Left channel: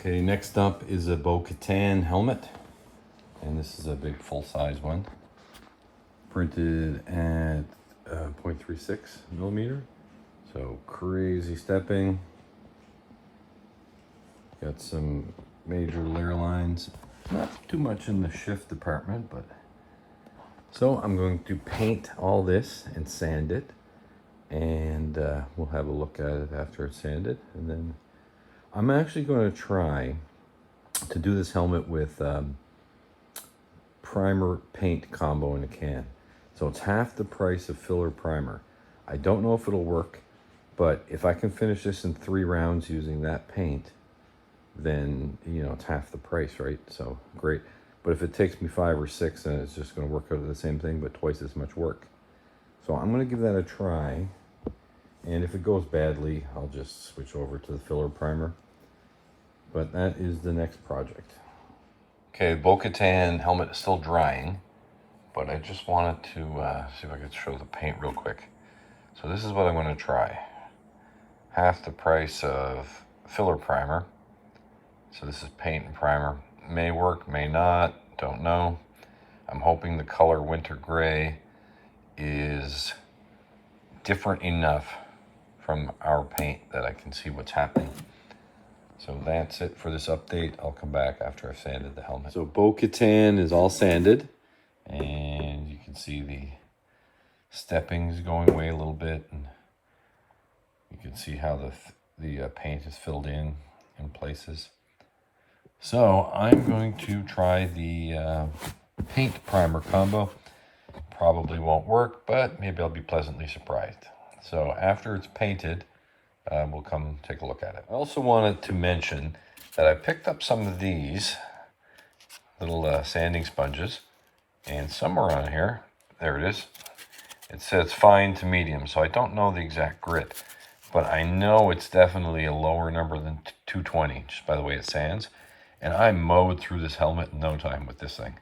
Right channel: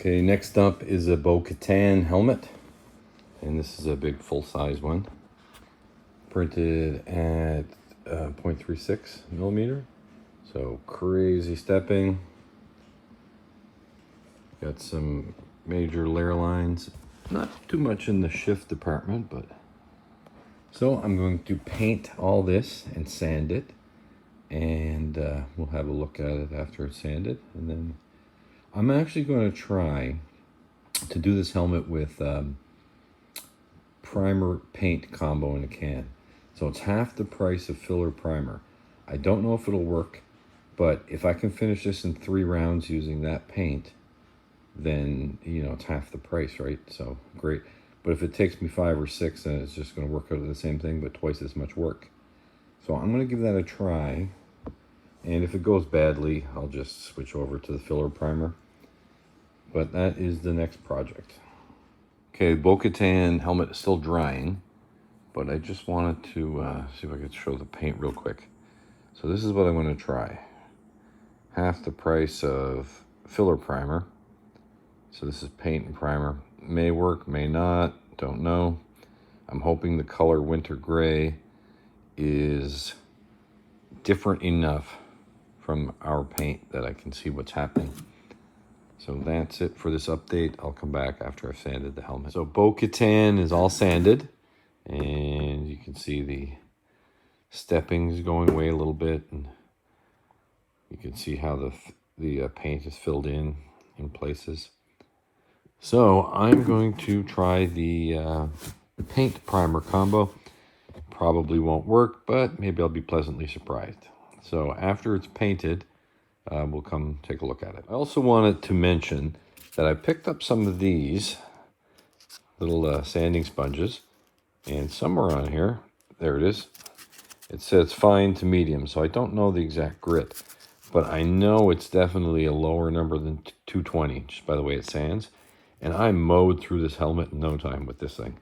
Okay, next up is a Bo Katan helmet. And this is a big full-size one. Printed at 0.36 millimeter. So crazy stepping. Got some major layer lines. Not too much in the shift department, but... So I'm going to paint all this and sand it. And we'll have a look at it after it's sanded. And then I'm actually going to try to do this helmet with primer paint combo in a can. So it's half the price of filler primer. I don't know if it'll work, but if I can finish this in 3 rounds using that paint, then, you know, it's half the price, right? So great. But if it takes me 5 or 6, then it's just going to work out the same thing, but twice as much work. So I'm going to give that a try. And if it goes badly, I'll just switch over to the filler primer. But that is the next project. Okay, Bo Katan helmet is still drying, but I just wanted to see if I could show the paint real quick. So this is what I'm going to try. Half the price of filler primer. So this is paint and primer. May work, may not, don't know. I'm hoping the color winter gray is different enough from our paint that I can see what's happening. So that's it for this update. I'll come back after I've sanded the helmet. So Bo Katan is all sanded, and you can see the steppings going away a little bit, and you can see how the paint is filled in places. So I'm going to try the paint primer combo. Probably won't work, but maybe I'll be pleasantly surprised. So after it's painted, we'll come take a look at it. I also wanted to mention that I picked up some of these little sanding sponges, and somewhere on here, there it is, it says fine to medium, so I don't know the exact grit, but I know it's definitely a lower number than 220, just by the way it sands. And I mowed through this helmet in no time with this thing.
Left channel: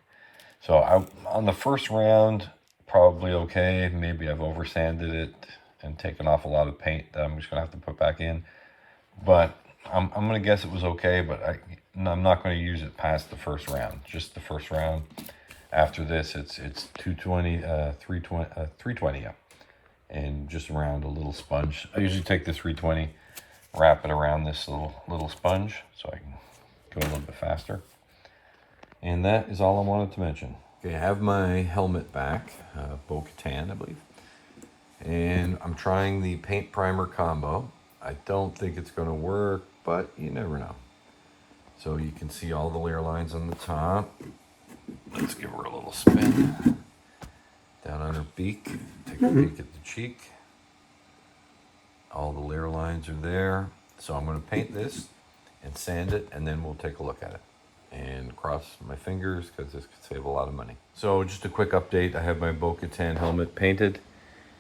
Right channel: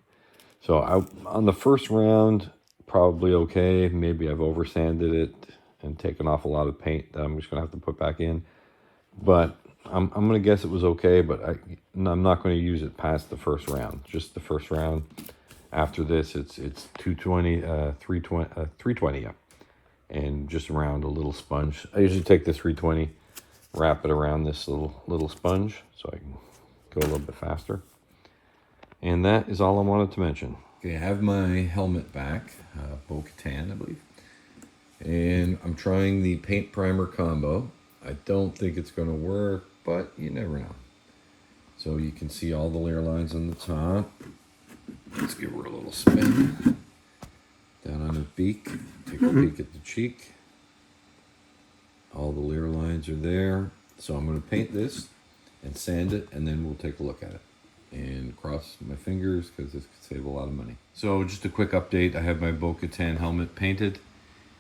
So on the first round, probably okay. Maybe I've over sanded it and taken off a lot of paint that I'm just gonna have to put back in. But I'm gonna guess it was okay, but I'm not gonna use it past the first round, just the first round. After this, it's 220, 320, yeah. And just around a little sponge. I usually take the 320, wrap it around this little sponge so I can go a little bit faster. And that is all I wanted to mention. Okay, I have my helmet back, Bo Katan, I believe. And I'm trying the paint primer combo. I don't think it's gonna work, but you never know. So you can see all the layer lines on the top. Let's give her a little spin. Down on her beak, take a peek at the cheek. All the layer lines are there. So I'm gonna paint this and sand it, and then we'll take a look at it. And cross my fingers, because this could save a lot of money. So just a quick update, I have my Bo Katan helmet painted,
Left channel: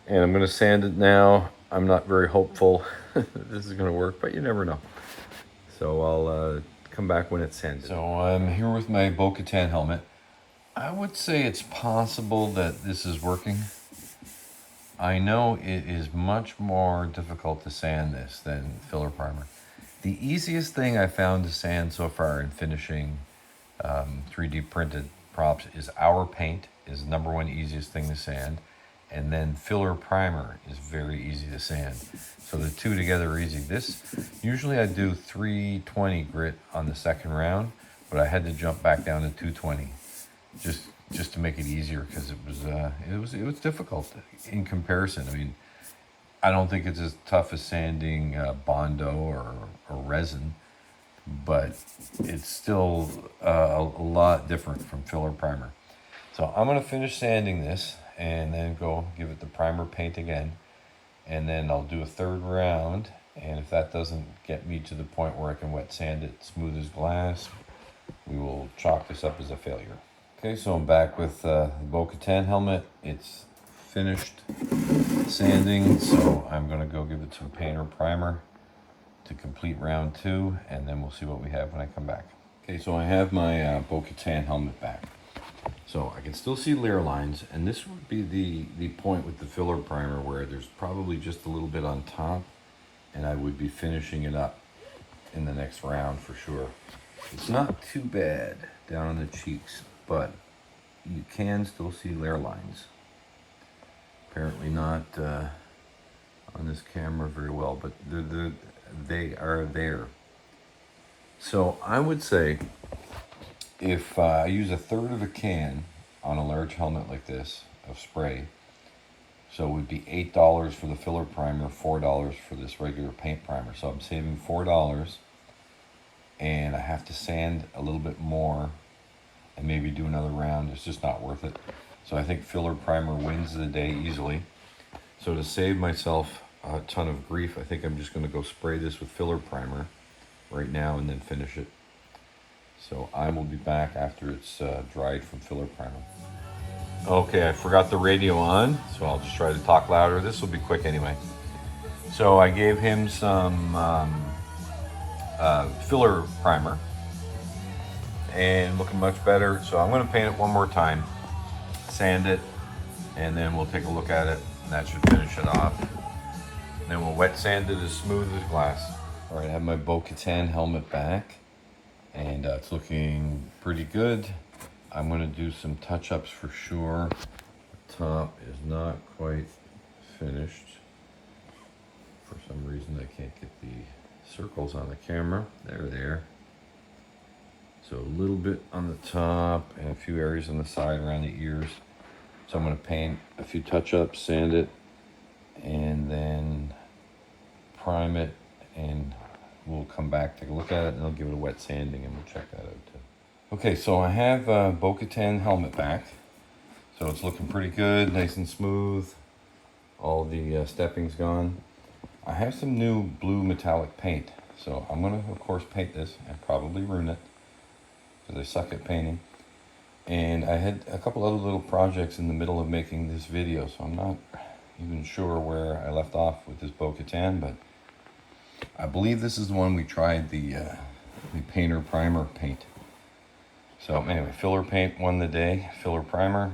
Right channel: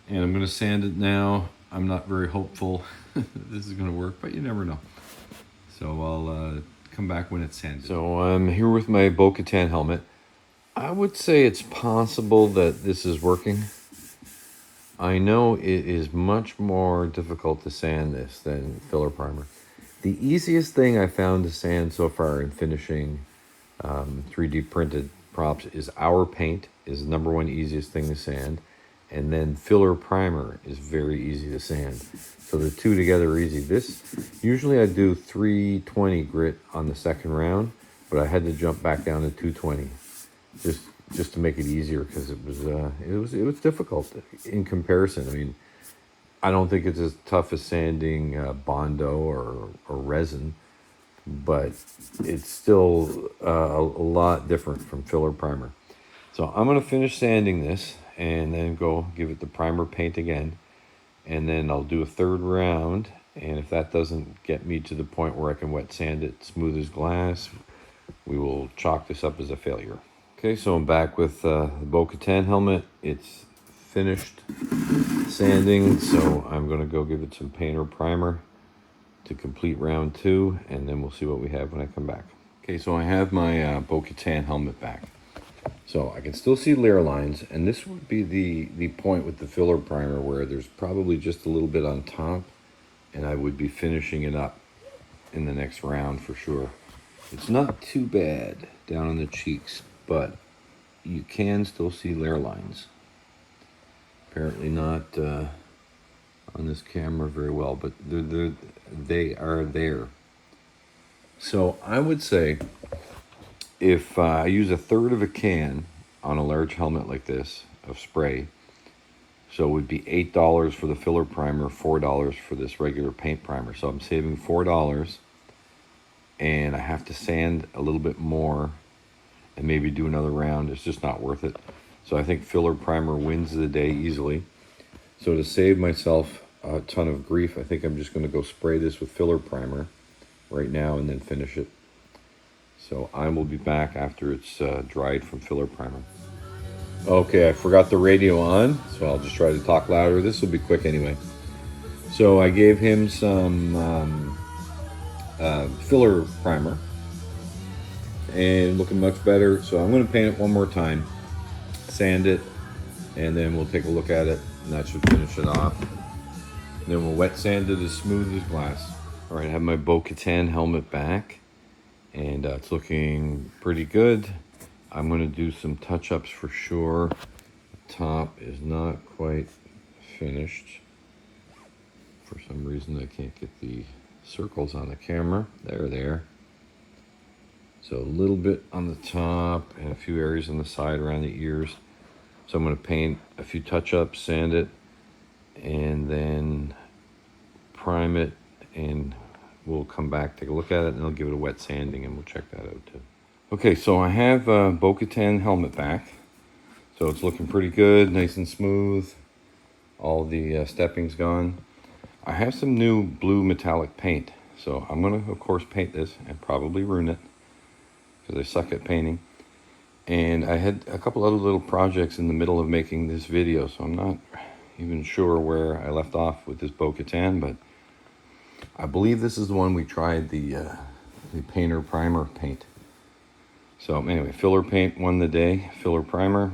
and I'm gonna sand it now. I'm not very hopeful this is gonna work, but you never know. So I'll come back when it's sanded. So I'm here with my Bo Katan helmet. I would say it's possible that this is working. I know it is much more difficult to sand this than filler primer. The easiest thing I found to sand so far in finishing 3D printed props is our paint is the #1 easiest thing to sand. And then filler primer is very easy to sand. So the two together are easy. This, usually I do 320 grit on the second round, but I had to jump back down to 220 just to make it easier, because it was difficult in comparison. I mean, I don't think it's as tough as sanding bondo or resin, but it's still a lot different from filler primer. So I'm gonna finish sanding this and then go give it the primer paint again. And then I'll do a 3rd round. And if that doesn't get me to the point where I can wet sand it smooth as glass, we will chalk this up as a failure. Okay, so I'm back with the Bo Katan helmet. It's finished sanding, so I'm gonna go give it some paint or primer to complete round 2, and then we'll see what we have when I come back. Okay, so I have my Bo Katan helmet back. So I can still see layer lines, and this would be the point with the filler primer where there's probably just a little bit on top, and I would be finishing it up. in the next round for sure. It's not too bad down on the cheeks, but you can still see layer lines. Apparently not on this camera very well, but they are there. So I would say if I use 1/3 of a can on a large helmet like this of spray, so it would be $8 for the filler primer, $4 for this regular paint primer. So I'm saving $4, and I have to sand a little bit more and maybe do another round. It's just not worth it. So I think filler primer wins the day easily. So to save myself a ton of grief, I think I'm just gonna go spray this with filler primer right now and then finish it. So I will be back after it's dried from filler primer. Okay, I forgot the radio on, so I'll just try to talk louder. This will be quick anyway. So I gave him some filler primer, and looking much better. So I'm going to paint it one more time, sand it, and then we'll take a look at it, and that should finish it off. And then we'll wet sand it as smooth as glass. All right, I have my Bo Katan helmet back, and it's looking pretty good. I'm going to do some touch-ups for sure. The top is not quite finished. For some reason I can't get the circles on the camera. There. So a little bit on the top and a few areas on the side around the ears. So I'm going to paint a few touch-ups, sand it, and then prime it, and we'll come back, take a look at it, and I'll give it a wet sanding, and we'll check that out too. Okay, so I have a Bo Katan helmet back. So it's looking pretty good, nice and smooth. All the stepping's gone. I have some new blue metallic paint. So I'm gonna, of course, paint this and probably ruin it because I suck at painting. And I had a couple other little projects in the middle of making this video, so I'm not even sure where I left off with this Bo Katan, but I believe this is the one we tried the painter primer paint. So anyway, filler paint won the day, filler primer.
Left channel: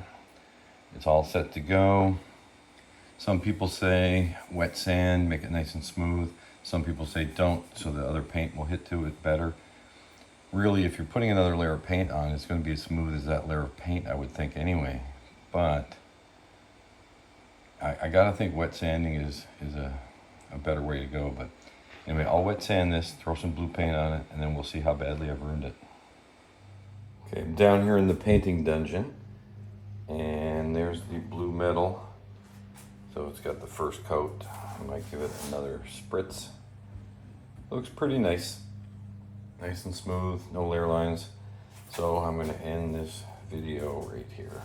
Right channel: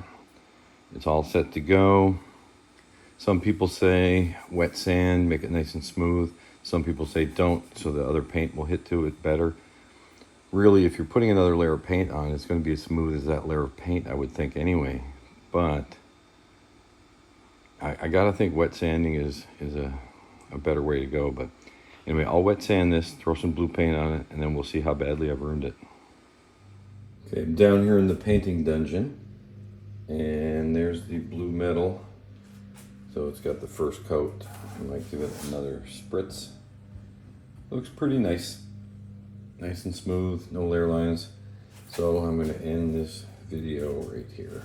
It's all set to go. Some people say wet sand, make it nice and smooth. Some people say don't, so the other paint will hit to it better. Really, if you're putting another layer of paint on, it's going to be as smooth as that layer of paint, I would think anyway. But I gotta think wet sanding is a better way to go. But anyway, I'll wet sand this, throw some blue paint on it, and then we'll see how badly I've ruined it. Okay, I'm down here in the painting dungeon, and there's the blue metal. So it's got the first coat. I might give it another spritz. Looks pretty nice. Nice and smooth, no layer lines. So I'm gonna end this video right here.